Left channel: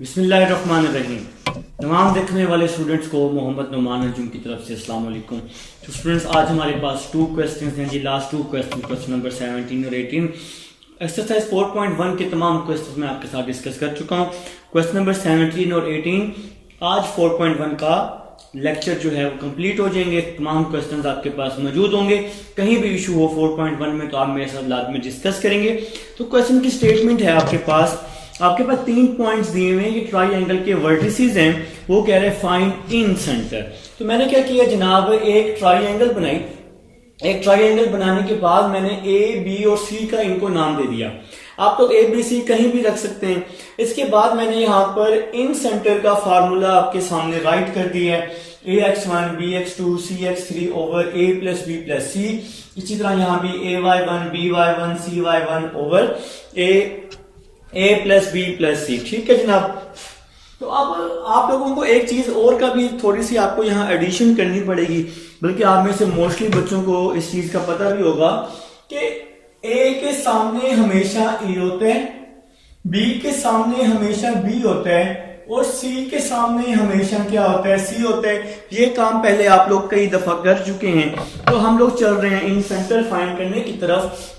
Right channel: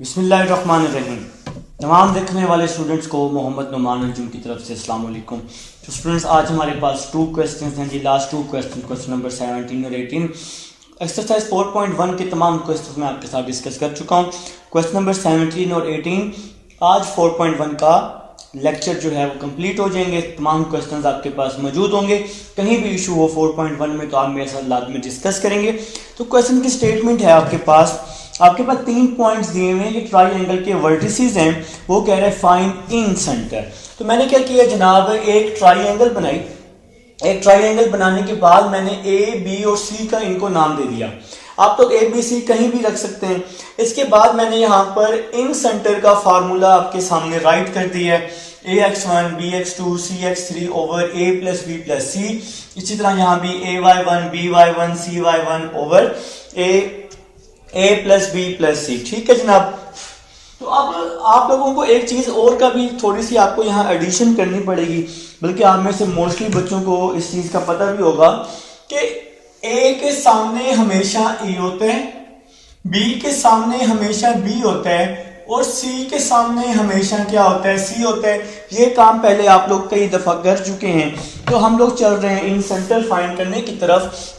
बिस्मिल्लाहिर्रहमानिर्रहीम। तमाम देखने वाले स्टूडेंट्स को मोहम्मद नुमान अर्जुन की तरफ से अस्सलाम वालेकुम। तो स्टूडेंट्स, आज हमारे पास 2 क्वेश्चन हैं जी। लास्ट 2 क्वेश्चन नंबर 17 और 18 एक्सरसाइज 4.1 के तमाम क्वेश्चन मैं आपके साथ डिस्कस कर चुका हूँ। क्वेश्चन नंबर 17 और 18 आज 4.1 का लेक्चर जो है वो कंप्लीट हो जाएंगे। तमाम क्वेश्चंस आपके पास मौजूद होंगे। कहीं भी इशू हो 4.1 में तो आप मेरे साथ लाजमी डिस्कस करेंगे। तो क्वेश्चन की स्टेटमेंट है आपके पास 3 पॉइंट्स दिए हुए हैं। ये ट्राइंगल के वर्टिसेस हैं। वो कह रहे हैं फाइंड इन सेंटर। तो मैंने क्या किया जनाब, एक ट्राइंगल बनाई। एक ट्राइंगल बनाने के बाद मैंने ए बी और सी का इनको नाम दे दिया। आप तो ए बी सी कहीं भी रख सकते हैं। इसके बाद मैंने यहाँ पर इन सेंटर का फार्मूला आपके सामने राइट कर दिया है। ax1 bx2 cx3 over a plus b plus c। इसी तरह यहाँ भी ay1 by1 cy1 over a plus B plus C. ठीक है जनाब। तो अब आप लोगों को एक चीज और का भी थोड़ी सी आपको यहाँ एडिशन करनी पड़ेगी, बल्कि आप में से मोस्टली बच्चों को इस चीज का पता भी होगा कि ए के सामने हमेशा ए होता है, बी के सामने हमेशा बी होता है और सी के सामने हमेशा क्या होता है, सी होता है। ये काम पहले आप लोग कई दफा कर चुके हैं। तो हम लोग चल रहे हैं इन सेंटर फाइंड करने की तरफ।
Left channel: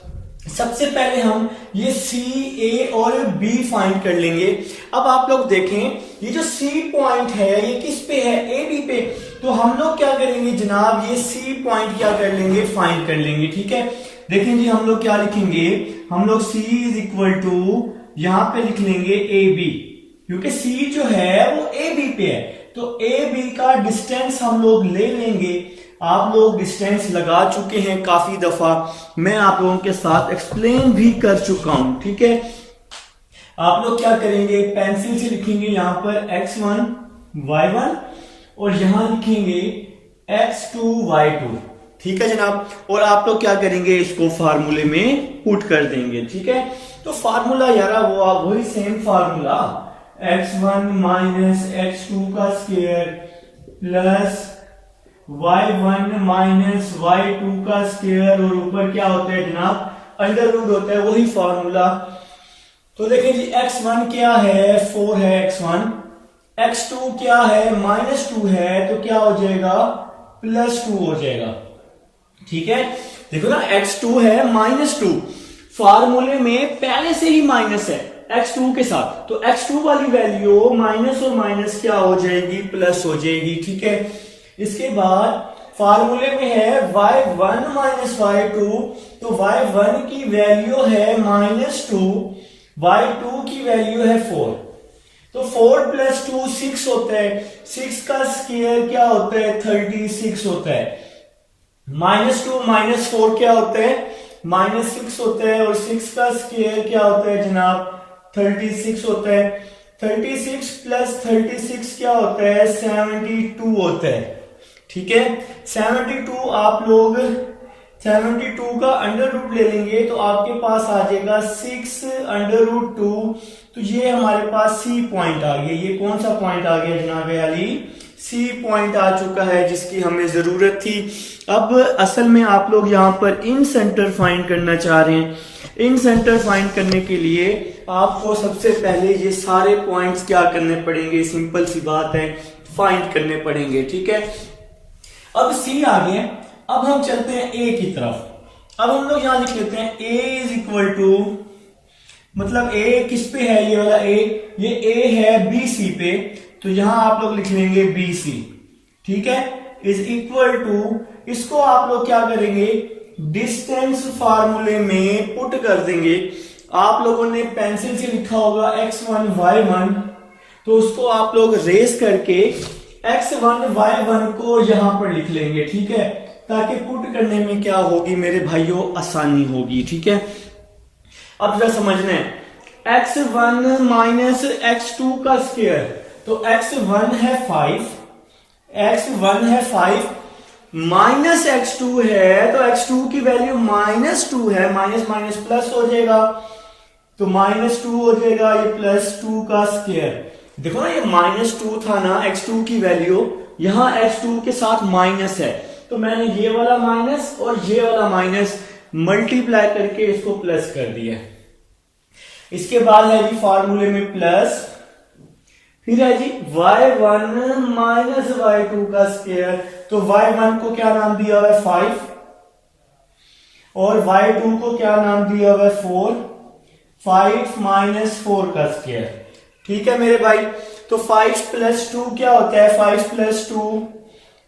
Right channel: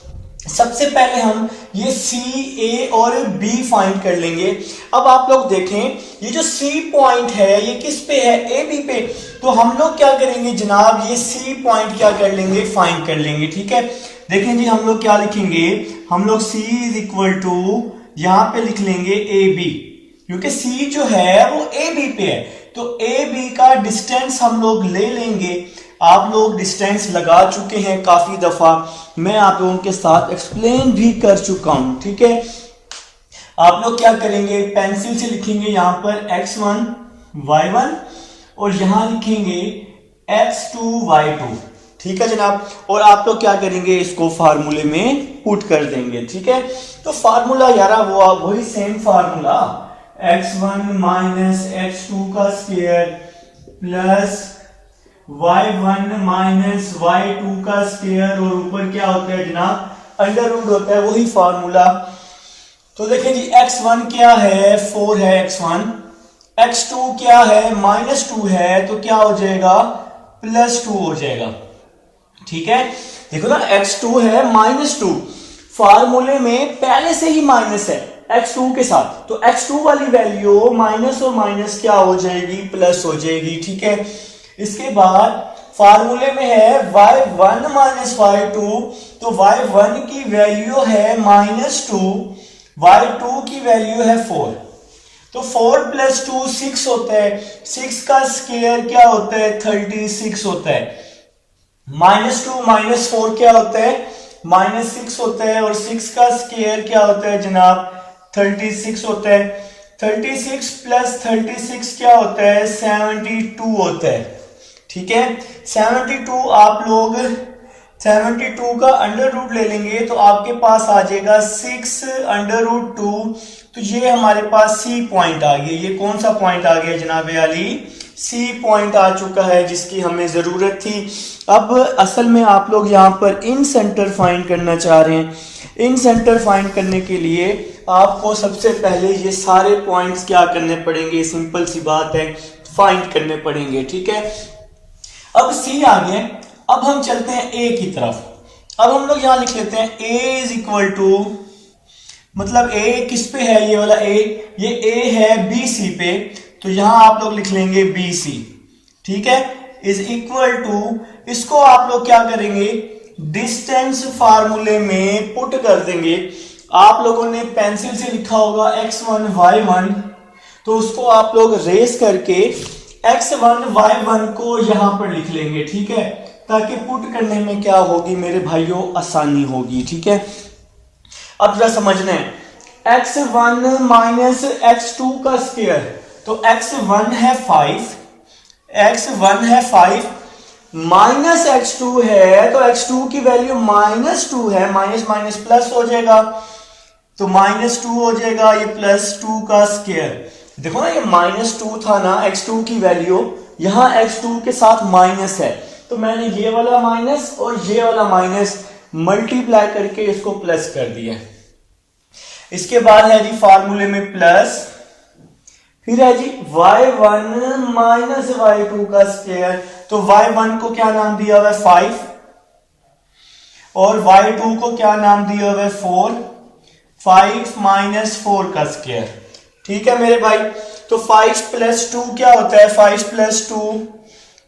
सबसे पहले हम ये सी ए और बी फाइंड कर लेंगे। अब आप लोग देखें, ये जो सी पॉइंट है ये किस पे है, ए बी पे। तो हम लोग क्या करेंगे जनाब, ये सी पॉइंट क्या कर लेंगे, फाइंड कर लेंगे। ठीक है, देखें जी हम लोग क्या लिखेंगे, हम लोग सी इज इक्वल टू यहां पे लिख लेंगे ए बी, क्योंकि सी जो है वो ए बी पे है। तो ए बी का डिस्टेंस हम लोग ले लेंगे। आप लोग डिस्टेंस लगा चुके हैं काफी दफा, मैं आप लोगों के साथ एक्सप्लेन भी कर चुका हूं। ठीक है, आप लोग क्या करेंगे, पेंसिल से लिखेंगे यहां पर x1 y1 और यहां लिखेंगे x2 y2। ठीक है जनाब। और आप लोग क्या करेंगे, इसको फार्मूले में पुट कर देंगे। ठीक है, तो फार्मूला यार वो वही same formula x1 minus x2 का square plus y1 minus y2 का स्क्वायर और ऊपर क्या होता है जनाब, अंडर रूट होता है, वही फार्मूला। तो देखें जी x1 क्या है, 4 है x1, x2 क्या है, -2 है, तो क्या हो जाएगा, +2 हो जाएगा। ठीक है, देखो ना x2 है -2, फार्मूले में पहले से ही माइनस है x2 के साथ, तो x2 वाली वैल्यू माइनस और माइनस क्या हो जाएगी, प्लस हो जाएगी। ठीक है, इसके बाद फार्मूले में है y1 माइनस y2, तो y1 की वैल्यू है -2, y2 की वैल्यू है 4। तो 4 + 2 6 होता है, 6 का स्क्वायर क्या होता है, 36 होता है। -2 - 4 क्या होता है, -6 होता है, और 6 का स्क्वायर क्या होता है जनाब, 36 होता है। 36 + 36 क्या होता है, 72 होता है। ठीक है, 72 आप लोग 72 का अंडर रूट ले लेंगे तो आपके पास आ जाएगा 6 √2। तो ये हमारे पास सी पॉइंट आ गया। ये कौन सा पॉइंट आ गया जनाब अली, सी पॉइंट आ चुका है जिसकी हमें जरूरत थी। अब असल में आप लोग यहाँ पर इन सेंटर फाइंड करना चाह रहे हैं। इन सेंटर फाइंड करने के लिए आपको सबसे पहले ये सारे पॉइंट्स क्या करने पड़ेंगे, सिंपल सी बात है, फाइंड करने पड़ेंगे। ठीक है, अब सी आ गए। अब हम चलते हैं ए की तरफ। अब हम लोग यहां लिख लेते हैं ए इज इक्वल टू, मतलब ए किस पे है, ये वाला ए, ये ए है बी सी पे, तो यहां आप लोग लिख लेंगे बी सी। ठीक है, इज इक्वल टू, इसको आप लोग क्या करेंगे, डिस्टेंस फार्मूले में पुट कर देंगे। आप लोगों ने पेंसिल से लिखा होगा x1 y1, तो उसको आप लोग रेस करके x1 y1 को यहां पर लिख लेंगे। ठीक है, ताकि पुट करने में क्या होगी मेरे भाइयों, आसानी होगी। ठीक है, अब जरा समझना है, x1 माइनस x2 का स्क्वायर, तो x1 है 5, x1 है 5 माइनस x2 है, तो x2 की वैल्यू -2 है, माइनस माइनस प्लस हो जाएगा, तो -2 हो जाएगा, ये +2 का स्क्वायर। देखो ना, ये -2 था ना x2 की वैल्यू, यहां x2 के साथ माइनस है, तो मैंने ये वाला माइनस और ये वाला माइनस मल्टीप्लाई करके इसको प्लस कर दिया। इसके बाद है जी फार्मूले में प्लस फिर है जी y1 माइनस y2 का स्क्वायर। तो y1 को क्या नाम दिया हुआ है 5 और y2 को क्या नाम दिया हुआ है 4। 5 माइनस 4 का स्क्वायर, ठीक है मेरे भाई। तो 5 प्लस 2 क्या होता है, 5 प्लस 2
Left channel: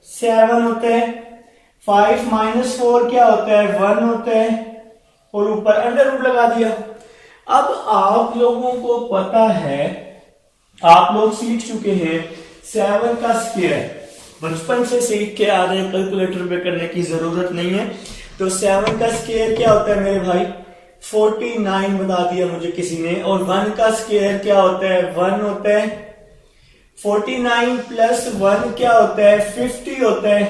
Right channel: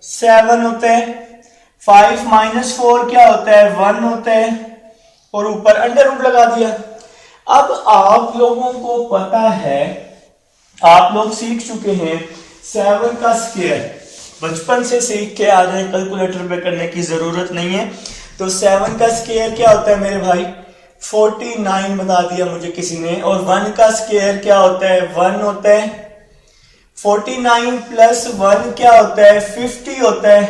7 होता है। 5 माइनस 4 क्या होता है 1 होता है और ऊपर अंडर रूट लगा दिया। अब आप लोगों को पता है, आप लोग सीख चुके हैं 7 का स्क्वायर, बचपन से सीख के आ रहे हैं, कैलकुलेटर पे करने की जरूरत नहीं है। तो 7 का स्क्वायर क्या होता है मेरे भाई 49 बता दिया मुझे किसी ने। और 1 का स्क्वायर क्या होता है 1 होता है। 49 प्लस 1 क्या होता है 50 होता है।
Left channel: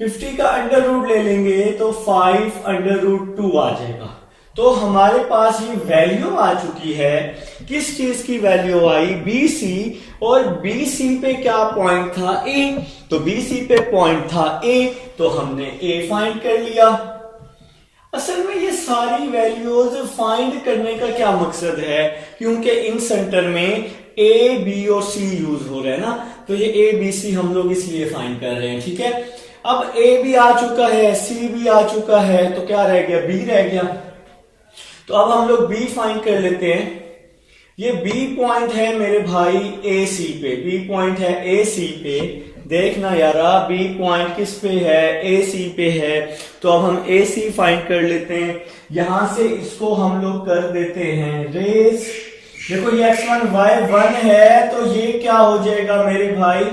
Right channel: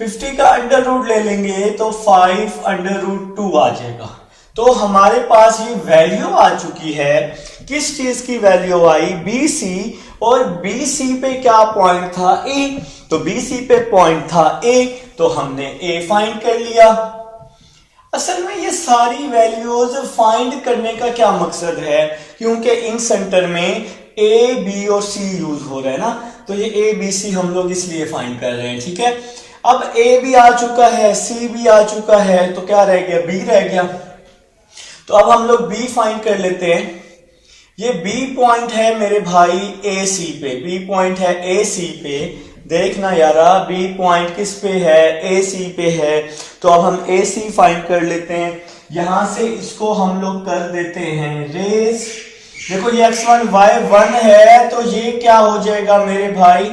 50 का अंडर रूट ले लेंगे तो 5 अंडर रूट 2 आ जाएगा। तो हमारे पास ये वैल्यू आ चुकी है, किस चीज की वैल्यू आई BC, और BC पे क्या पॉइंट था A, तो BC पे पॉइंट था A, तो हमने A फाइंड कर लिया। असल में ये सारी वैल्यूज फाइंड करने का क्या मकसद है, क्योंकि इन सेंटर में A, B और C यूज हो रहा है ना, तो ये A, B, C हम लोग इसलिए फाइंड कर रहे हैं, ठीक है। अब A भी आ चुका है, C भी आ चुका है, तो क्या रह गया B रह गया। तो अब हम लोग B फाइंड कर लेते हैं। ये B पॉइंट है मेरे भाई AC पे, B पॉइंट है AC पे। देखना यारा B पॉइंट किस पे है AC पे है। तो अब हम AC फाइंड कर लेते हैं। यहां से इसको हम लोग कर देते हैं रेस। देखो ये x1 y1 है, तो ये क्या हो जाएगा मेरे भाई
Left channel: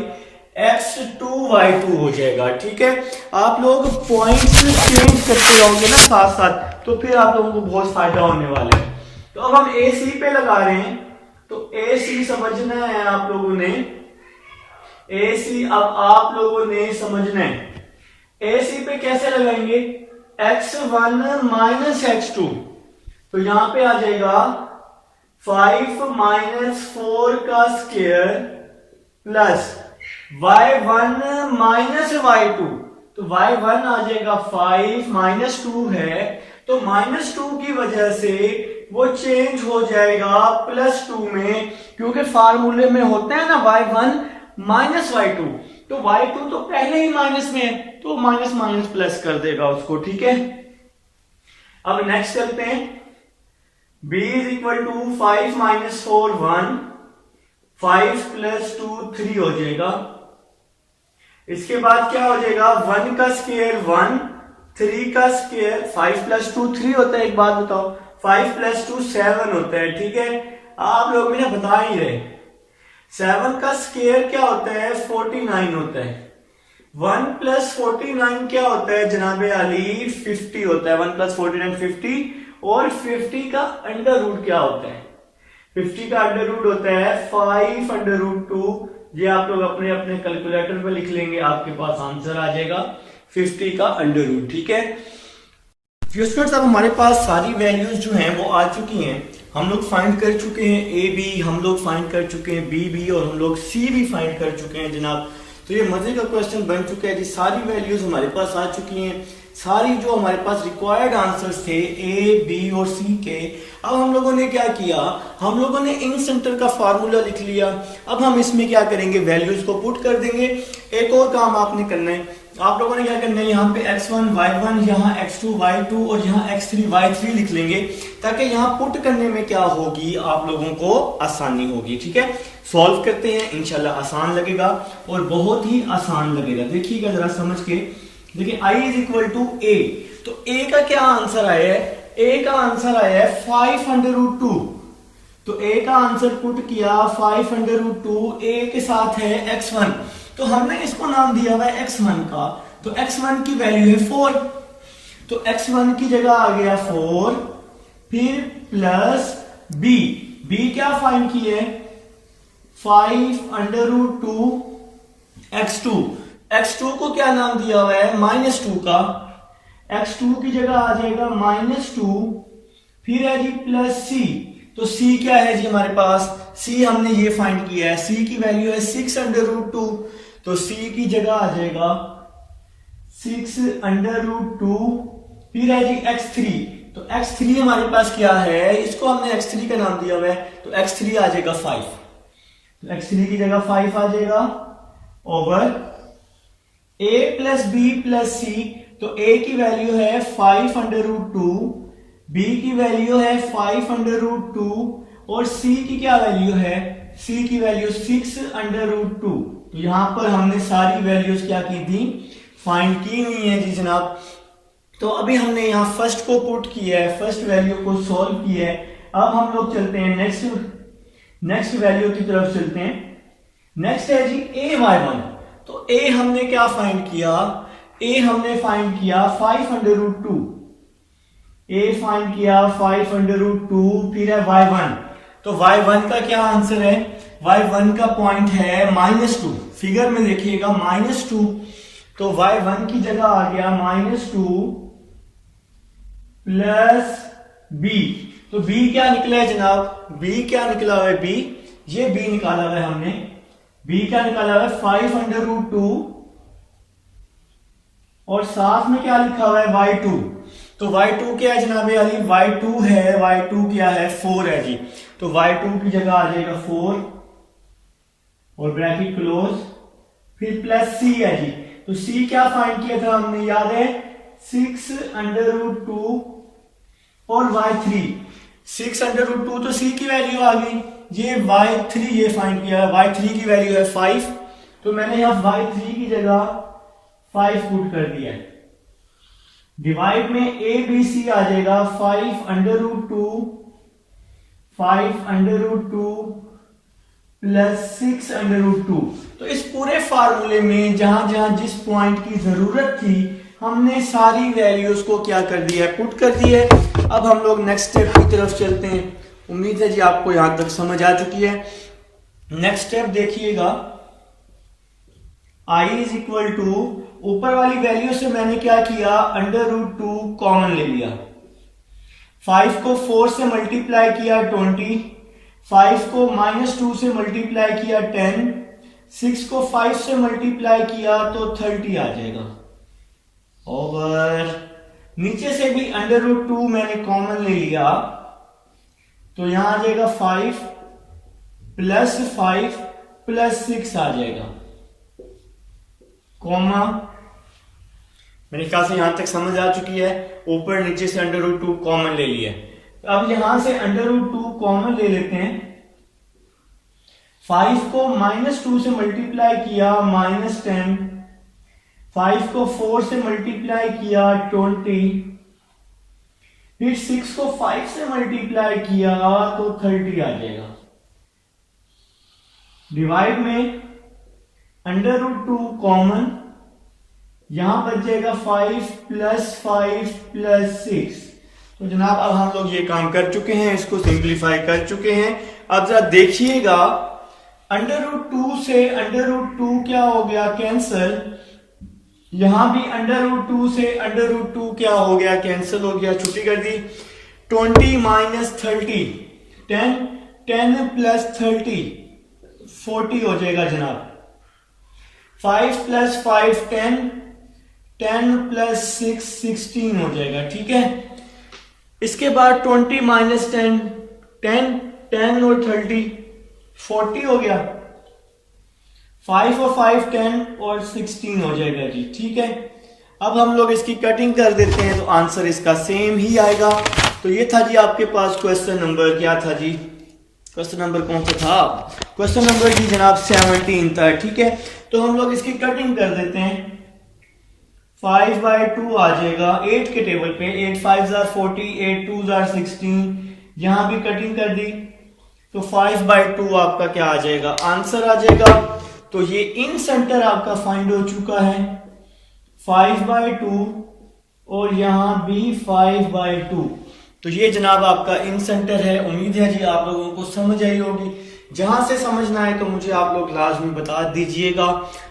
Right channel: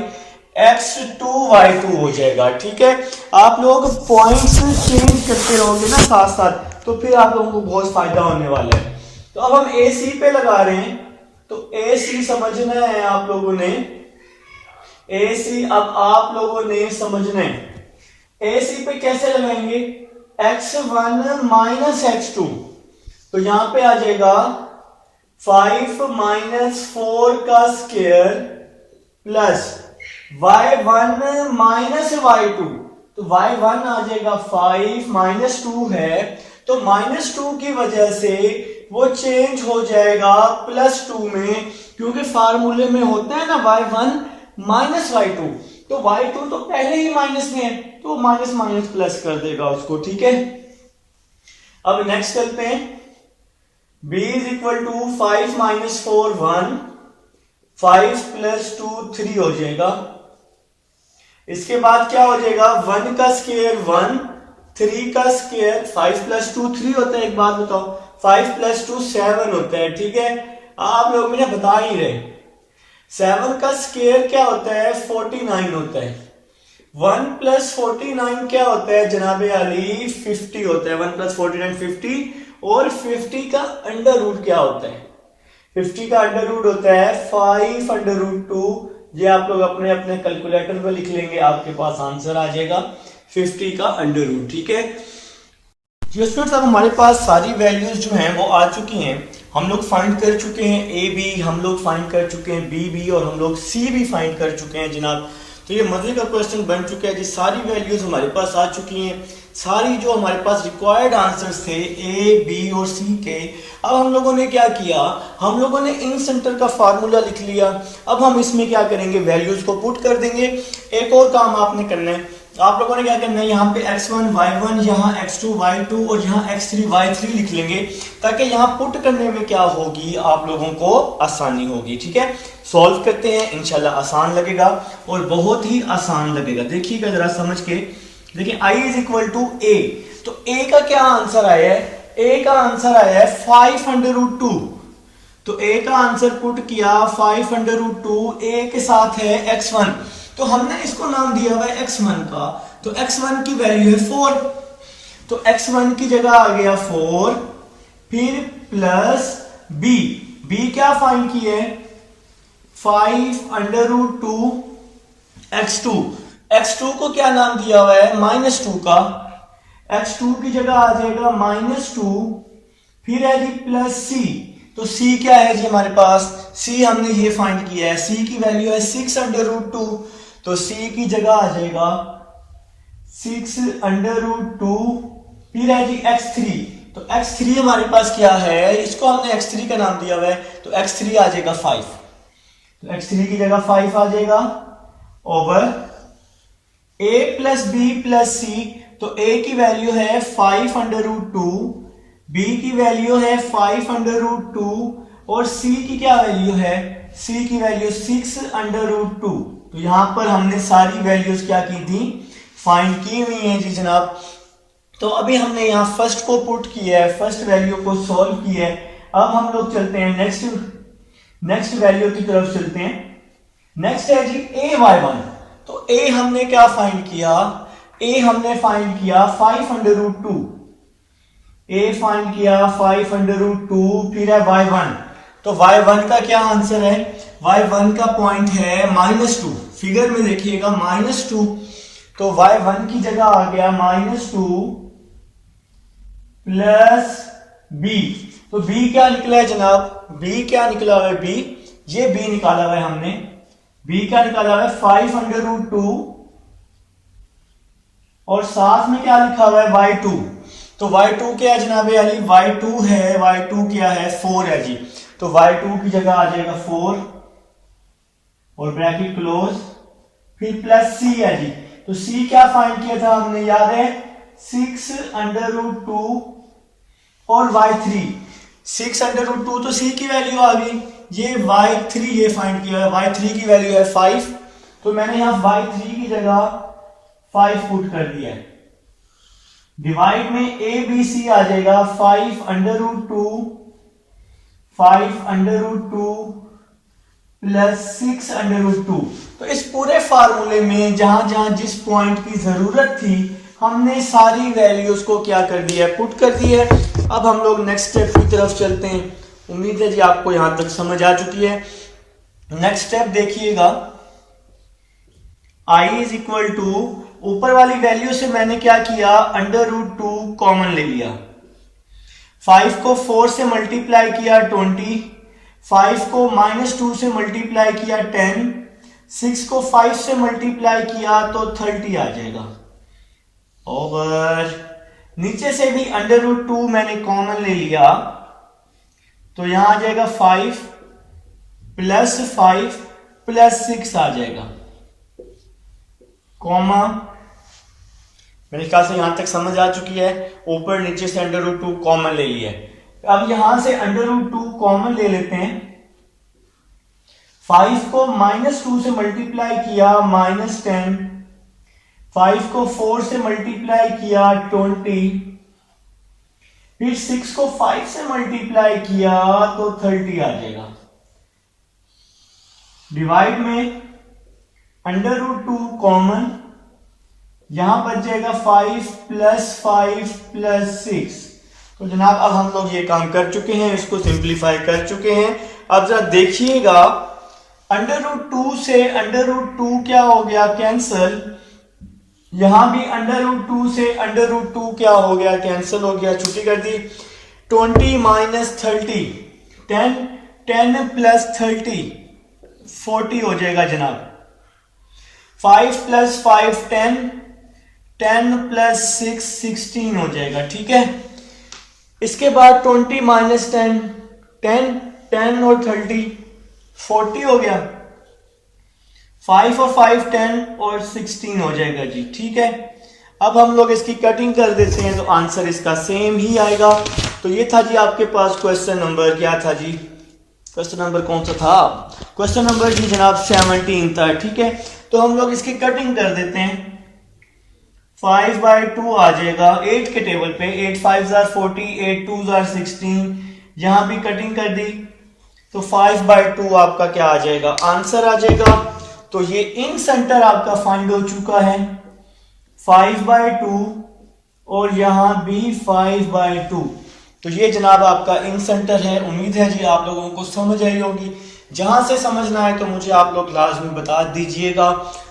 x2 y2 हो जाएगा, ठीक है। आप लोग पॉइंट्स चेंज करते रहोगे ना साथ साथ, तो फिर आप लोगों को बहुत फायदा होने वाला है। तो अब हम AC पे लगा रहे हैं, तो AC समझना है आप लोगों ने। AC अब आप लोगों ने समझना है। AC पे कैसे लगाएंगे x1 माइनस x2, तो यहां पे आ जाएगा 5 माइनस 4 का square plus y1 minus y2, तो y1 आ जाएगा 5 माइनस 2 है, तो माइनस 2 की वजह से वो चेंज हो जाएगा प्लस 2 में, क्योंकि फार्मूले में होते हैं ना y1 माइनस y2, तो y2 तो पहले ही माइनस में है, तो माइनस माइनस प्लस कर देगा उसको, ठीक है। अब नेक्स्ट करते हैं। b is equal to 5 minus 4 1, 5 plus 2 3 हो जाएगा। इसके बाद क्या हो जाएगा 1 का स्क्वायर 1, 3 का स्क्वायर 5 प्लस 2 3 होता है। एक बात बताओ 5 प्लस 2 7 होता है, ठीक है। आप लोग भी ना बता ही रहे। 7 का स्क्वायर क्या होता है 49 होता है। 1 प्लस 49 क्या होता है जनाबे अली 50 होता है। 1 प्लस 49 50, और 50 का अंडर रूट क्या होता है 50 का अंडर रूट होता है 5 अंडर रूट 2। ये आप लोग अपने अपने कैलकुलेटर पे लिख लेंगे, आपके पास आंसर आ जाएगा 50 का अंडर रूट, ठीक है। स्टूडेंट्स अब हमारे पास सारी वैल्यूज जो हैं वो आ चुकी हैं। हम लोग फाइंड कर चुके हैं ए बी, हम लोग फाइंड कर चुके हैं बी और हम लोग सी भी फाइंड कर चुके हैं जनाब। तो ये मजे का क्वेश्चन बन चुका है जी। सारी वैल्यूज हमारे पास आ चुकी हैं, सारी जो हमारे पास रिक्वायर्ड आंसर्स थे ए बी और सी के। अब हम लोगों ने क्या किया, हम लोगों ने इन सेंटर का फार्मूला लिख लिया। अब हम इसमें क्या करेंगे वैल्यूज को पुट कर देंगे। एक और काम आपने करना है, आप लोगों ने क्या करना है यहाँ पे x1 y1, यहाँ x2 y2 और यहाँ x3 y3 लिख लेंगे, ताकि यहाँ पुट करने में क्या होगी आप लोगों को आसानी होगी, ठीक है। सॉल्व करते हैं, इंशाल्लाह आसान लगेगा और बहुत ही आसान लगेगा। देखिएगा जरा समझ के। देखिए i is equal to a, तो a का क्या आंसर आया है, a का आंसर आया है 5 अंडर रूट 2। तो a का आंसर पुट किया 5 अंडर रूट 2, a के साथ है x1, तो हमने इसको नाम दिया हुआ है x1 का। तो x1 की वैल्यू है 4, तो x1 की जगह आ गया 4, फिर प्लस b क्या फाइंड की है 5 अंडर रूट 2 x2 को क्या नाम दिया हुआ है -2 का। x2 की जगह आ जाएगा -2, फिर है जी प्लस c। तो c क्या है जी हमारे पास, c हमने ये फाइंड किया है, c की वैल्यू है 6 अंडर रूट 2, तो c की जगह आ जाएगा 6 अंडर रूट 2, फिर है जी x3। तो x3 हमारे पास क्या है, इसको हमने x3 का नाम दिया हुआ है, तो x3 आ जाएगा 5। तो x3 की जगह 5 आ जाएगा over a plus B plus C. तो a की वैल्यू है 5 अंडर रूट 2, b की वैल्यू है 5 अंडर रूट 2 और c की क्या वैल्यू है, c की वैल्यू 6 अंडर रूट 2। तो यहां पर हमने सारी वैल्यूज क्या की थी, फाइंड की हुई है जी जनाब। तो अभी हमने यहाँ फर्स्ट को पुट किया है, फर्स्ट वैल्यू को सॉल्व किया है। अब हम लोग चलते हैं नेक्स्ट वैल्यू की तरफ चलते हैं। नेक्स्ट है जी a/1। तो a हमने क्या फाइंड किया, a हमने फाइंड किया 5 अंडर रूट 2, a फाइंड किया 5 अंडर रूट 2, फिर है y1। तो y1 का क्या आंसर है, y1 का पॉइंट है -2, फिगर में देखिएगा -2। तो y1 की जगह आ गया -2 प्लस b। तो b क्या निकला है जनाब, b क्या निकला हुआ है, b ये b निकाला हुआ है हमने। b क्या निकाला हुआ है 5 अंडर रूट 2 और साथ में क्या लिखा हुआ है y2। तो y2 क्या है जनाब अली, y2 है, y2 क्या है 4 है जी। तो y2 की जगह आ जाएगा 4 और ब्रैकेट क्लोज, फिर प्लस c है जी। तो c क्या फाइंड किया था हमने, याद है 6 अंडर रूट 2 और y3 6 अंडर रूट 2। तो c की वैल्यू आ गई, ये y3 ये फाइंड किया, y3 की वैल्यू है 5। तो मैंने यहां y3 की जगह 5 पुट कर दिया। डिवाइड में a b c आ जाएगा 5 अंडर रूट 2 5 अंडर रूट 2 प्लस 6 अंडर रूट 2। तो इस पूरे फार्मूले में जहां जहां जिस पॉइंट की जरूरत थी हमने सारी वैल्यूज को क्या कर दिया है, पुट कर दिया है। अब हम लोग नेक्स्ट स्टेप की तरफ चलते हैं। उम्मीद है जी आपको यहां तक समझ आ चुकी है। नेक्स्ट स्टेप देखिएगा, i इज इक्वल टू, ऊपर वाली वैल्यू से मैंने क्या किया, अंडर रूट 2 कॉमन ले लिया, 5 को 4 से मल्टीप्लाई किया 20, 5 को -2 से मल्टीप्लाई किया 10, 6 को 5 से मल्टीप्लाई किया तो 30 आ जाएगा। ओवर नीचे से भी अंडर रूट 2 मैंने कॉमन ले लिया, तो यहां आ जाएगा 5 प्लस 5 प्लस 6 आ जाएगा, कॉमा। मेरे ख्याल से यहां तक समझ आ चुकी है। ऊपर नीचे से अंडर रूट 2 कॉमन ले लिया। अब यहां से अंडर रूट 2 कॉमन ले लेते हैं। 5 को -2 से मल्टीप्लाई किया -10, 5 को 4 से मल्टीप्लाई किया 20, फिर 6 को 5 से मल्टीप्लाई किया तो 30 आ जाएगा। डिवाइड में अंडर रूट 2 कॉमन, यहां बच जाएगा 5 प्लस 6। तो जनाब अब हम लोग ये काम कर चुके हैं, इसको सिंप्लीफाई कर चुके हैं। अब जरा देखिएगा, अंडर रूट 2 से अंडर रूट 2 क्या हो गया, कैंसल। यहां भी अंडर रूट 2 से अंडर रूट 2 क्या हो गया, कैंसिल हो गया, छुट्टी कर दी। 20 माइनस 30, 10 प्लस 30 40 हो जाएगा जनाब। 5 प्लस 5 10 प्लस 6 16 हो जाएगा, ठीक है। इसके बाद 20 माइनस 10 और 30 40 हो गया। 5 और 5 10 और 16 हो जाएगा जी, ठीक है। अब हम लोग इसकी कटिंग कर देते हैं तो आंसर इसका सेम ही आएगा। तो ये था जी आपके पास क्वेश्चन नंबर, क्या था जी, क्वेश्चन नंबर कौन सा था, क्वेश्चन नंबर जी जनाब 17 था, ठीक है। तो हम लोग इसकी कटिंग कर देते हैं। 5/2 आ जाएगा 8 के टेबल पे, 8 5 are 40, 8 2 are 16, यहां भी कटिंग कर दी तो 5/2 आपका क्या आ जाएगा, आंसर आ जाएगा। तो ये इन सेंटर आपका फाइंड हो चुका है 5/2 और यहां भी 5/2। तो ये जनाब आपका इन सेंटर है। उम्मीद है जी आप लोगों को समझ आई होगी। जहां से समझना है तो मुझे आप लोग लाजमी बता दीजिएगा,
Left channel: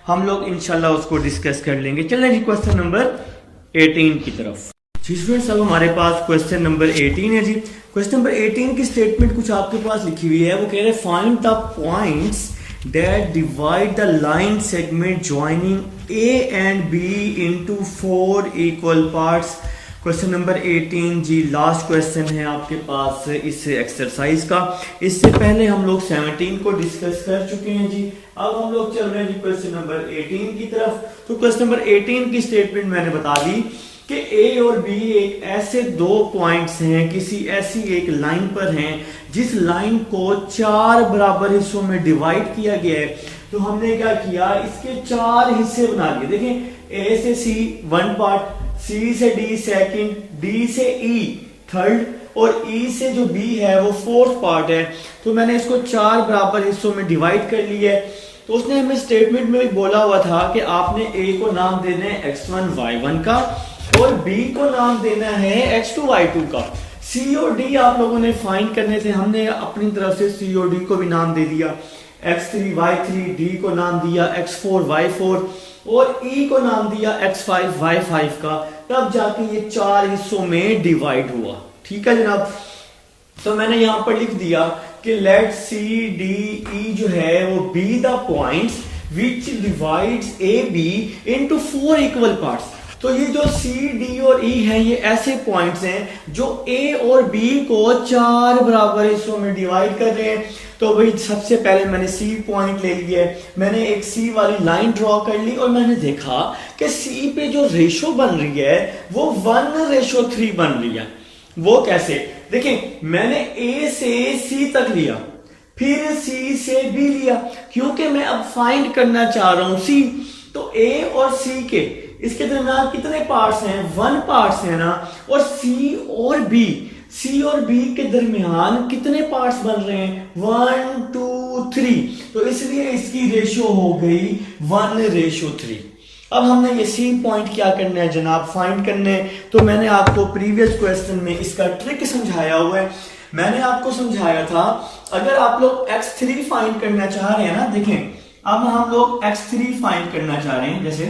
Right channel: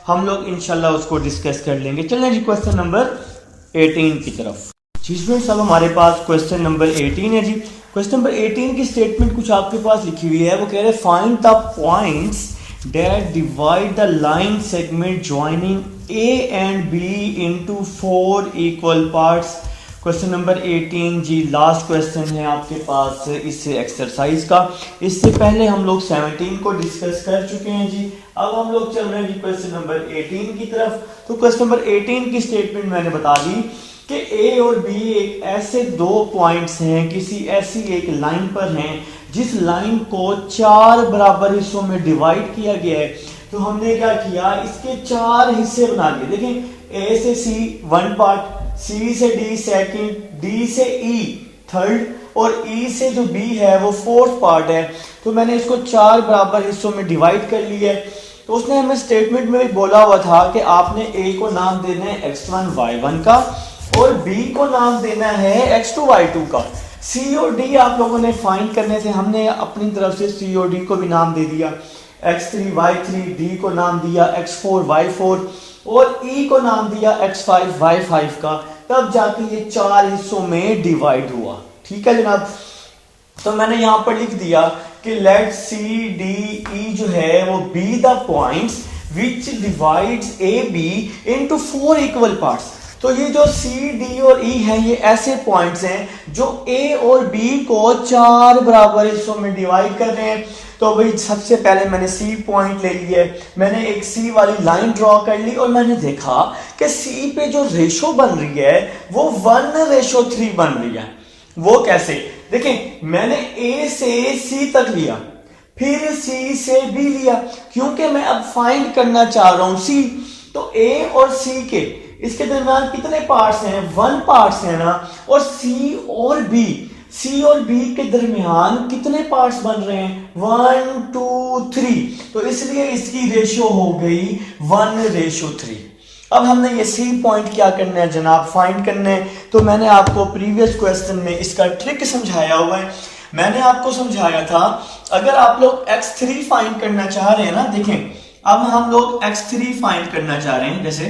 हम लोग इंशाल्लाह उसको डिस्कस कर लेंगे। चलें जी क्वेश्चन नंबर 18 की तरफ। जी स्टूडेंट्स, अब हमारे पास क्वेश्चन नंबर 18 है जी। क्वेश्चन नंबर 18 की स्टेटमेंट कुछ आपके पास लिखी हुई है, वो कह रहे find the points that divide the line segment joining A and B into 4 equal parts question number 18 ji last question है आपके पास इस एक्सरसाइज का। इससे पहले हम लोग 17 को डिस्कस कर चुके हैं जी। अब हम लोग चल रहे हैं जी क्वेश्चन नंबर 18 की तरफ। तो क्वेश्चन नंबर 18 की स्टेटमेंट मैंने बता दी कि ए और बी एक ऐसे दो पॉइंट्स हैं, किसी ऐसी एक लाइन पर हैं जिस लाइन को 4 बराबर हिस्सों में डिवाइड किया गया है। तो हमने क्या किया, इसके 4 हिस्से बना दिए। देखें, ए से सी 1 पार्ट, सी से डी सेकंड, डी से ई थर्ड और ई से जो बी है वो 4th पार्ट है। तो मैंने इसको 4 बराबर हिस्सों में डिवाइड कर लिया है। तो उसने हमें स्टेटमेंट में भी बोला हुआ था कि आपने ए को नाम देना है x1 y1 का और बी को नाम देना है x2 y2 का। सी और डी आप लोगों ने फाइंड करने थे, हमने अपनी तरफ से सी और डी को भी नाम दे दिया। x3 y3, डी को नाम दिया x4 y4 और ई को नाम दिया x5 y5 का। तब जाके ये 4 हिस्सों में डिवाइड हुआ। ठीक है जनाब। तो मैंने यहां पर लिख दिया कि लेट सी डी ई जो है वो B the points which divides A B into 4 equal parts. तो ये जो सी डी और ई है ये ऐसे पॉइंट्स हैं जो ए और बी को 4 बराबर हिस्सों में डिवाइड कर रहे हैं। तो भाई सबसे पहले मैंने सी पॉइंट ले लिया, मैंने एक सी वाली लाइन ड्रॉ कर ली और मैंने देखा कि सी पे जो रेशो बन रही है वो 1:3 बन रही है। वो कैसे, देखें मैंने ए से सी तक लिया, फिर सी से बी लिया, क्योंकि मैं अब फाइंड करना चाह रहा हूं सी। तो ए और सी के इसके दरमियान कितने पार्ट्स हैं, 1 पार्ट्स है ना। और सी और बी के दरमियान कितने पार्ट्स बन रहे हैं, 1 2 3। तो इसलिए इसकी रेशो हो गई 1:3। अब हमने ये सी पॉइंट क्या करना है जनाब, फाइंड करना है। तो मैंने आपको प्रीवियस क्वेश्चन में इसका ट्रिक समझाया हुआ है। मैंने आपको समझाया था अगर आप लोग x3 फाइंड करना चाह रहे हैं ना, देखें अब हम लोग x3 फाइंड करना चाह रहे हैं जैसे,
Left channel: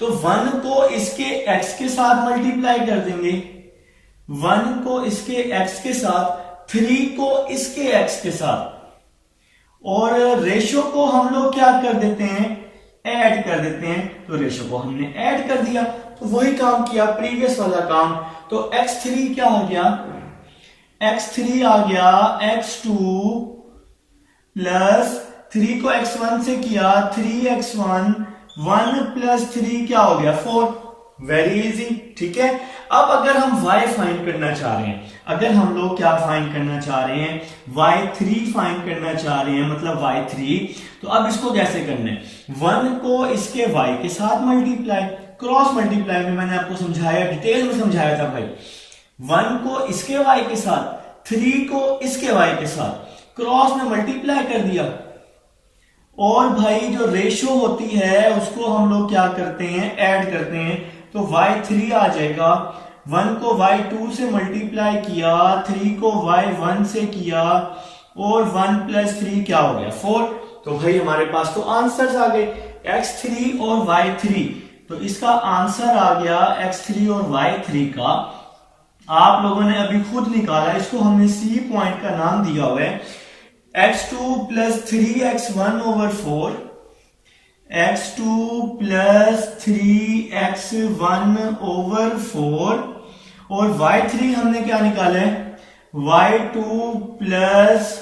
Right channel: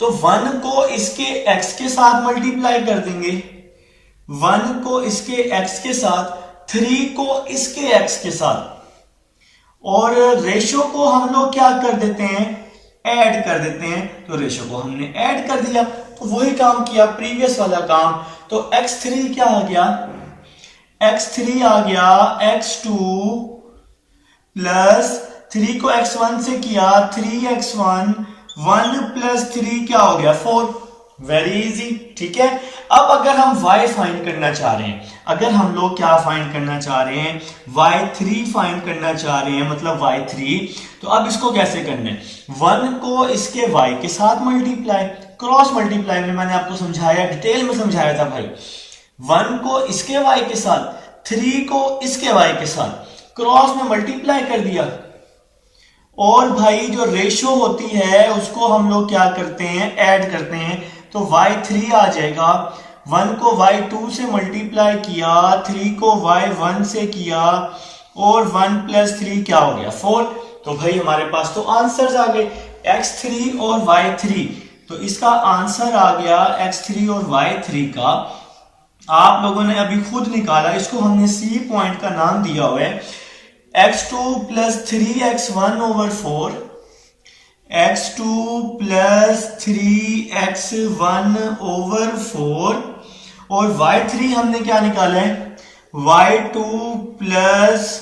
तो 1 को इसके x के साथ मल्टीप्लाई कर देंगे, 1 को इसके x के साथ, 3 को इसके x के साथ, और रेशो को हम लोग क्या कर देते हैं, ऐड कर देते हैं। तो रेशो को हमने ऐड कर दिया, तो वही काम किया प्रीवियस वाला काम। तो x3 क्या आ गया, x3 आ गया x2 प्लस 3 को x1 से किया 3x1, 1 प्लस 3 क्या हो गया 4। Very easy. ठीक है। अब अगर हम y फाइंड करना चाह रहे हैं, अगर हम लोग क्या फाइंड करना चाह रहे हैं, y3 फाइंड करना चाह रहे हैं, मतलब y3, तो अब इसको कैसे करना है, 1 को इसके y के साथ मल्टीप्लाई, क्रॉस मल्टीप्लाई में मैंने आपको समझाया, डिटेल में समझाया था भाई। 1 को इसके y के साथ, 3 को इसके y के साथ क्रॉस में मल्टीप्लाई कर दिया। और भाई जो रेशो होती है उसको हम लोग क्या करते हैं, ऐड करते हैं। तो y3 आ जाएगा, 1 को y2 से मल्टीप्लाई किया, 3 को y1 से किया, और 1 प्लस 3 क्या हो गया 4। तो भाई हमारे पास तो आंसर्स आ गए x3 और y3। तो इसका आंसर आ गया x3 और y3 का। आप लोगों ने अभी खुद निकाला, इसको हमने सी पॉइंट का नाम दिया हुआ है x2 plus 3x1 over 4, x2 plus 3x1 over 4, और y3 हमने क्या निकाला है, y2 प्लस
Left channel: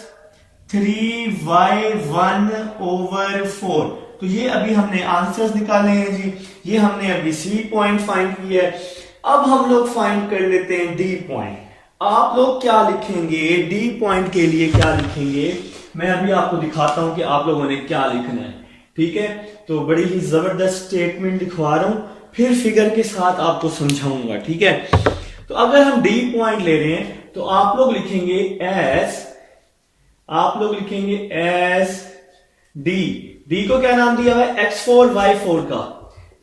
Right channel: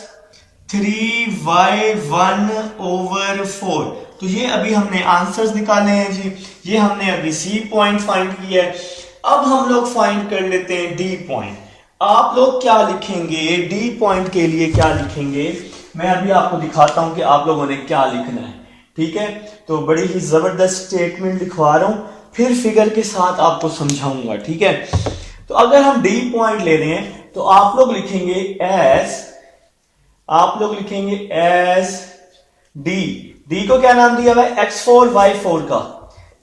3y1 ओवर 4। तो ये अभी हमने आंसर्स निकाले हैं जी, ये हमने अभी सी पॉइंट फाइंड किया है। अब हम लोग फाइंड कर लेते हैं डी पॉइंट। आप लोग क्या लिखेंगे डी पॉइंट के लिए, क्या लिखेंगे मैं अभी आपको दिखाता हूं कि आप लोगों ने क्या लिखना है। ठीक है। तो बड़ी ही जबरदस्त स्टेटमेंट लिखवा रहा हूं, फिर फिगर के साथ आपको समझाऊंगा। ठीक है। तो अगर हम डी पॉइंट ले रहे हैं तो आप लोग लिखेंगे एस डी को क्या नाम दिया हुआ है, x4 y4 का,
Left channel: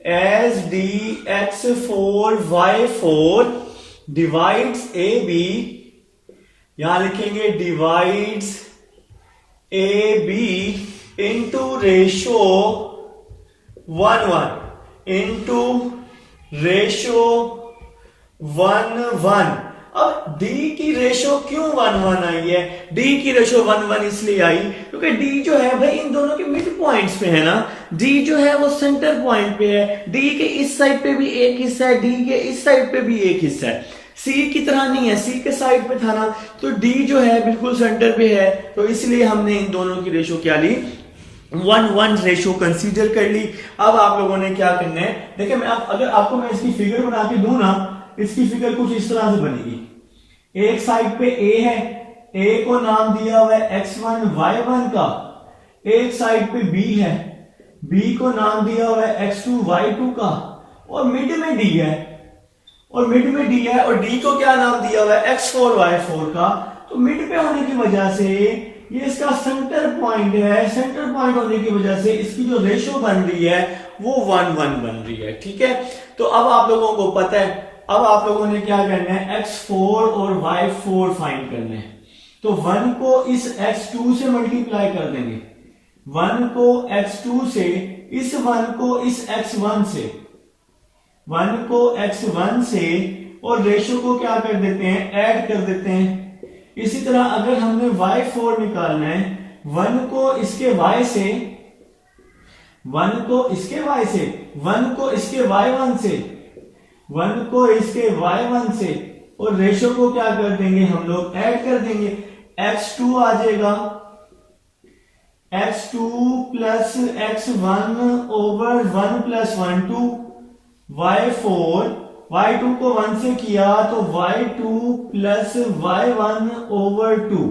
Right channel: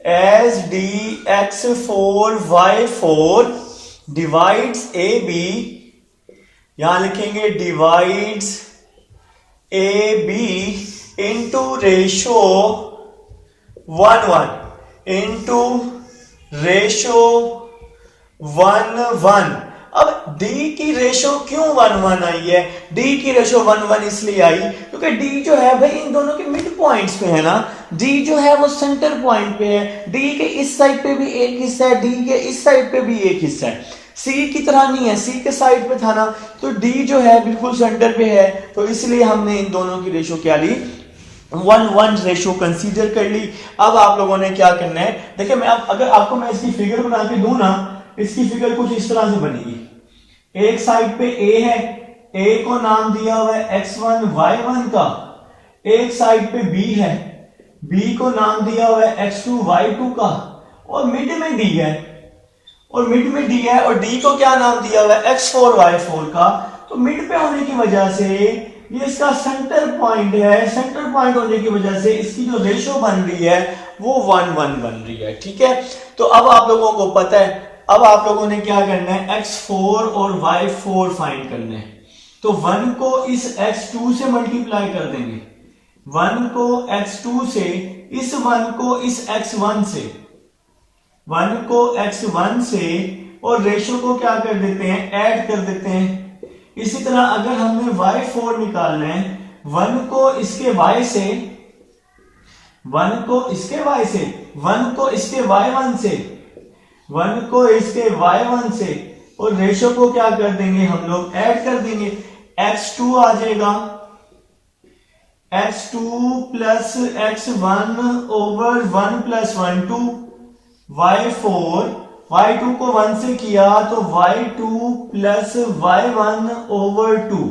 S D x4 y4 divides A B, यहां लिखेंगे divides A B into ratio 1:1 into ratio 1:1। अब डी की रेशो क्यों 1-1 आई है? डी की रेशो 1-1 इसलिए आई क्योंकि डी जो है भाई इन दोनों के मिड पॉइंट्स पे है ना, डी जो है वो सेंटर पॉइंट पे है, डी के इस साइड पे भी एक हिस्सा है, डी के इस साइड पे भी एक हिस्सा है, सी की तरह नहीं है, सी के साइड पे था ना, तो डी जो है बिल्कुल सेंटर पे है, तो इसलिए हमने इन दोनों की रेशो क्या ली, 1-1 रेशो कंसीडर कर ली। अब आप लोगों ने क्या करना है, देखिए अगर आपको मैं इसकी फिगर बना के दूं ना, इसकी फिगर कुछ इस तरह से बनेगी। एक साइड पे ए है, ए को नाम दिया हुआ है x1 y1 का, एक साइड पे बी है, बी को नाम दिया हुआ है x2 y2 का, और मिड में डी है, और मिड में डी है, और डी को क्या नाम दिया हुआ है x4 y4 का। तो मिड पे होने की वजह से ये इसका सेंटर पॉइंट है, सेंटर पॉइंट होने की वजह से इसकी जो रेशो बन रही है वो 1-1 बन रही है। ठीक है, तो अब आप लोगों को पता है, अब आप लोगों ने क्या करना है, x4 और y4 फाइंड करने हैं। तो 1 को इस x2 से मल्टीप्लाई कर देंगे, 1 को x2 से, इस 1 को इस x1 से, 1 को x1 से, और रेशो को क्या कर देते हैं, ऐड कर देते हैं। इसी तरह अगर हमने y4 निकालना है, 1 को इसके y से, 1 को इसके y से, 1 को इसके y1 से, 1 को इसके y1 से, और रेशो को क्या कर देंगे हम लोग, ऐड कर देंगे। x2 आ जाएगा, x2 plus x1 over 1 plus 1 2, y4, y2 को 1 से किया तो y2 प्लस y1 ओवर 2,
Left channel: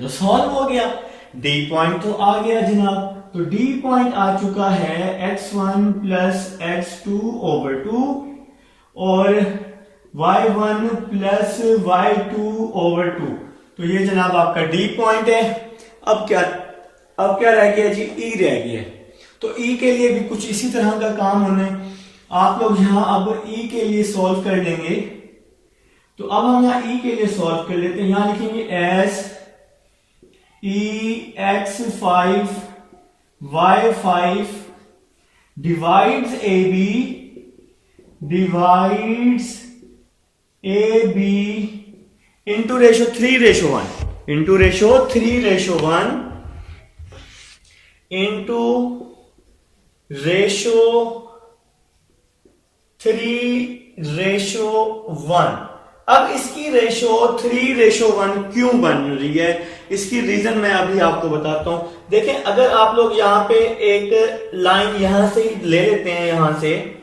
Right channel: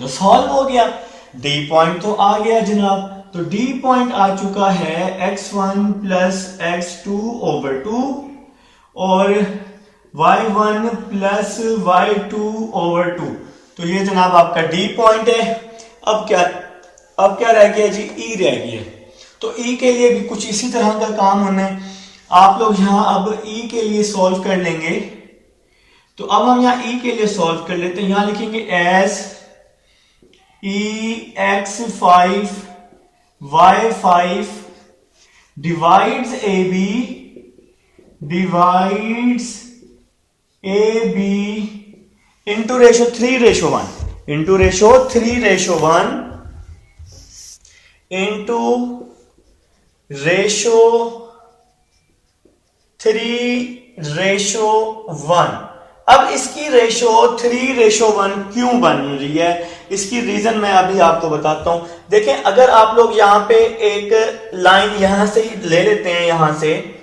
तो सॉल्व हो गया। डी पॉइंट तो आ गया जनाब, तो डी पॉइंट आ चुका है x1 प्लस x2 ओवर 2 और y1 प्लस y2 ओवर 2, तो ये जनाब आपका डी पॉइंट है। अब क्या रह गया जी, ई रह गया। तो ई के लिए भी कुछ इसी तरह का काम होना है। आप लोग यहां अब ई के लिए सॉल्व कर लेंगे, तो अब हम यहां ई के लिए सॉल्व कर लेते हैं। यहां लिखेंगे S E x5 y5 divides A B into ratio 3:1 into ratio 3:1 into ratio 3:1। अब इसकी रेशो 3:1 क्यों बन रही है, इसकी रीजन मैं अभी आपको बताता हूं। देखें, अगर आप लोग यहां पे एक लाइन यहां से ले लेते हैं, यहां से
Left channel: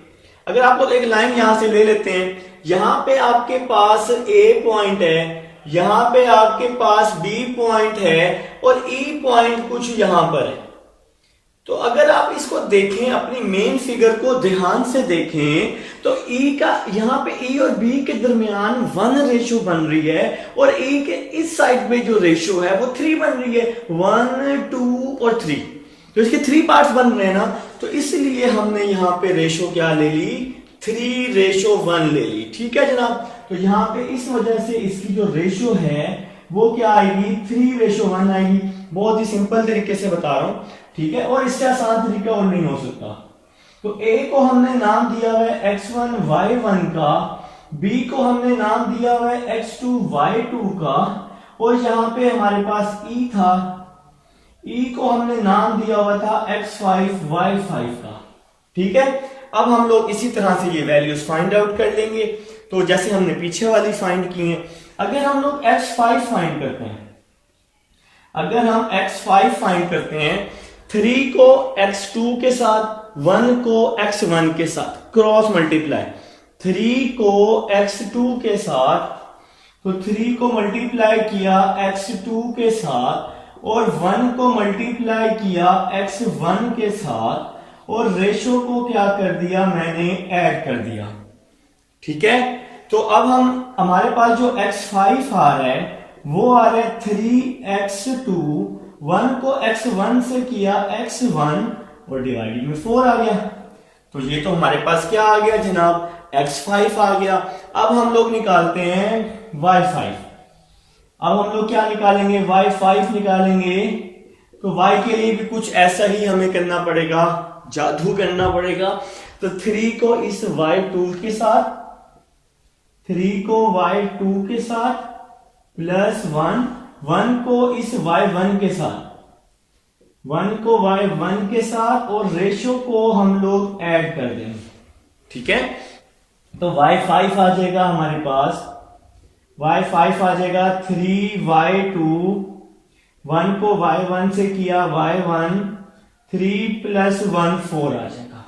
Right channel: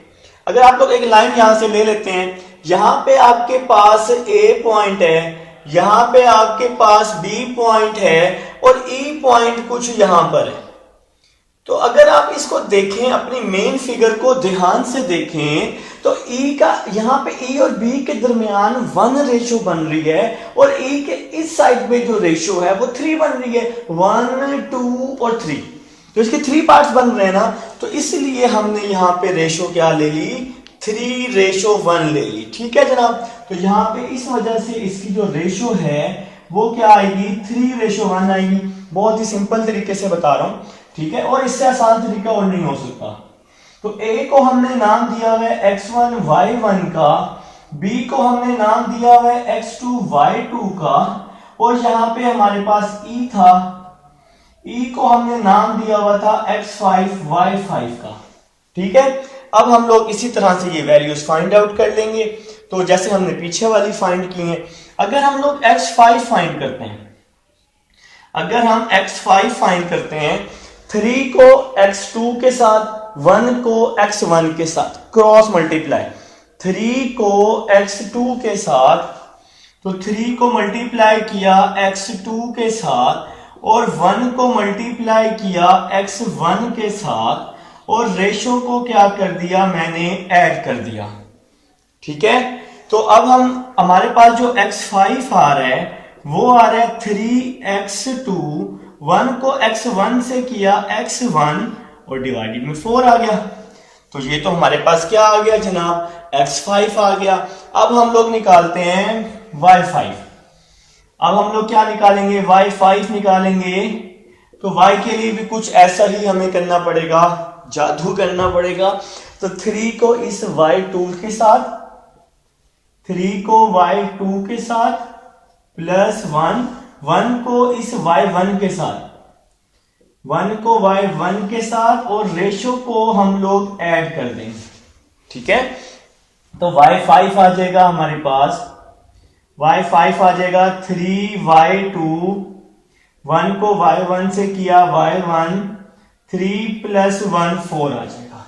अगर आप लोग एक लाइन यहां से ले लेते हैं, यहां पे आपके पास ए पॉइंट है, यहां पे आपके पास बी पॉइंट है, और ई पॉइंट कुछ यहां पर है। तो अगर आप इसको देखें, अपनी मेन फिगर को ध्यान से देखें, तो ई का यहां पे ई और बी के दरमियान 1 रेशो बन रही है, और ई के इस साइड में जो रेशो है वो 3 बन रही है, 1 2 और 3, तो इसके 3 पार्ट्स बन रहे हैं ना, तो इसलिए हमने यहां पे रेशो क्या ले ली, 3:1 ले ली। ठीक है जनाब, तो यहां पे इस वजह से इसकी जो रेशो है वो क्या आएगी, 3:1 आएगी। बहुत ही सिंपल तरीके से बता रहा हूं, ठीक है, और इससे आसान तरीका और नहीं हो सकता। तो a को हमने नाम दिया हुआ है x1 y1 का, b को हमने नाम दिया हुआ है x2 y2 का, और यहां पे हमारे पास e था, e को हमने नाम दिया हुआ था x5 y5 का। ठीक है, अब हम लोग इसी तरह से ये वैल्यूज फाइंड आउट कर लेंगे, तो जैसे हमने पीछे वाली फाइंड की है। अगर हम लोग x5 फाइंड करते हैं, अगर हम x5 फाइंड करते हैं, 3 को x2 के साथ, 1 को x1 के साथ क्रॉस मल्टीप्लाई, 3 को x2 के साथ, तो 3 को मल्टीप्लाई किया x2 के साथ, और 1 को मल्टीप्लाई किया x1 के साथ, और रेशो को क्या कर दिया मैंने, ऐड कर दिया। ठीक है, तो अब हमारे पास जो x5 आ रहा है वो आ रहा है 3x2, 1 को x1 से किया x1, और डिवाइडेड में 4 आ गया। तो ये तो हमारे पास क्या आ गया जनाब, x5 आ गया। अब हम लोग निकालते हैं y5। अब हम लोग क्या निकालेंगे, y5 निकालेंगे। तो y के लिए भी कुछ ऐसा ही हमें करना पड़ेगा, जादू करना पड़ेगा। तो 3 को इस y2 के साथ, 3 को y2 के साथ प्लस 1 को इस y1 के साथ, 1 को y1 के साथ और रेशो को हम लोग ऐड कर देंगे। ठीक है, तो y5 आ जाएगा हमारे पास, y5 आ जाएगा 3y2, 1 को y1 से किया y1, 3 प्लस 1 4 आ जाएगा।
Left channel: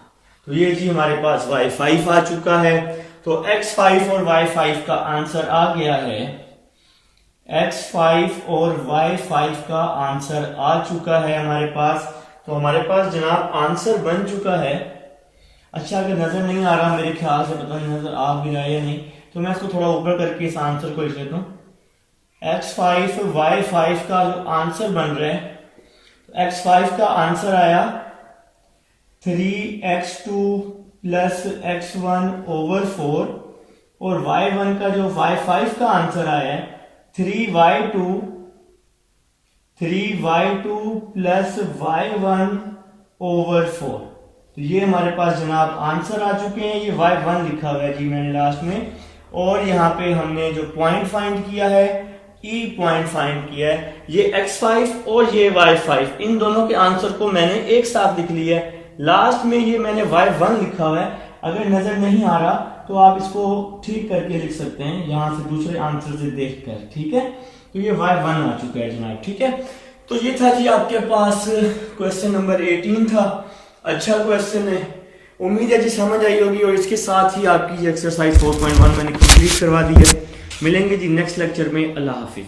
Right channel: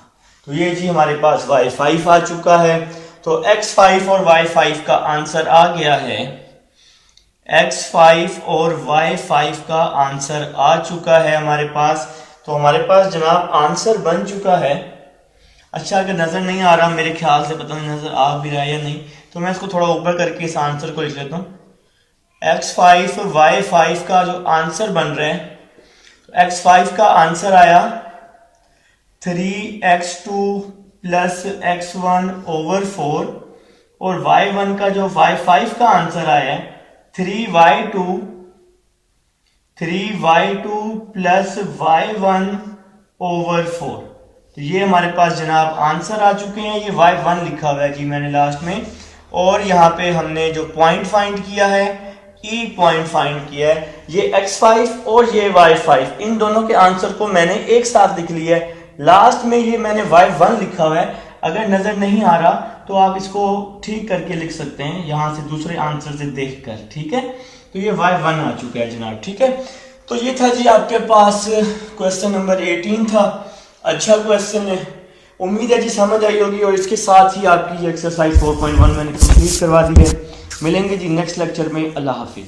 तो ये जी हमारे पास y5 आ चुका है। तो x5 और y5 का आंसर आ गया है, x5 और y5 का आंसर आ चुका है हमारे पास। तो हमारे पास जनाब आंसर बन चुका है। अच्छा, अगर नजर नहीं आ रहा, मेरे ख्याल से पता नहीं नजर आ भी रहा है या नहीं, तो मैं इसको थोड़ा ऊपर करके इस आंसर को लिख लेता हूं। x5 और y5 का जो आंसर बन रहा है, x5 का आंसर आया 3x2 प्लस x1 ओवर 4 और y1 का जो y5 का आंसर आया है 3y2 प्लस y1 ओवर 4। तो ये हमारे पास जनाब आंसर आ चुके हैं। ये y1 लिखा हुआ है जी मैंने लास्ट में, और यहाँ पे हमने जो पॉइंट फाइंड किया है, ई पॉइंट फाइंड किया है, ये x5 और ये y5, इन दोनों के आंसर को मैंने एक साथ लिख लिया है। लास्ट में ये मैंने y1 लिखा हुआ है। अगर नजर नहीं आ रहा तो आप इसको ठीक करके लिख सकते हैं यहां से दूसरे आंसर से देखकर। ठीक है, तो ये y1 आ चुका है जनाब। ठीक है, तो ये था जी आपके पास क्वेश्चन नंबर 18 था। अच्छा क्वेश्चन है, उम्मीद है जी समझ आई होगी, और इसके साथ ही आपकी एक्सरसाइज 4.1 मैंने कंप्लीट करवा दी है। मिलेंगे जी नेक्स्ट लेक्चर में। अल्लाह हाफिज।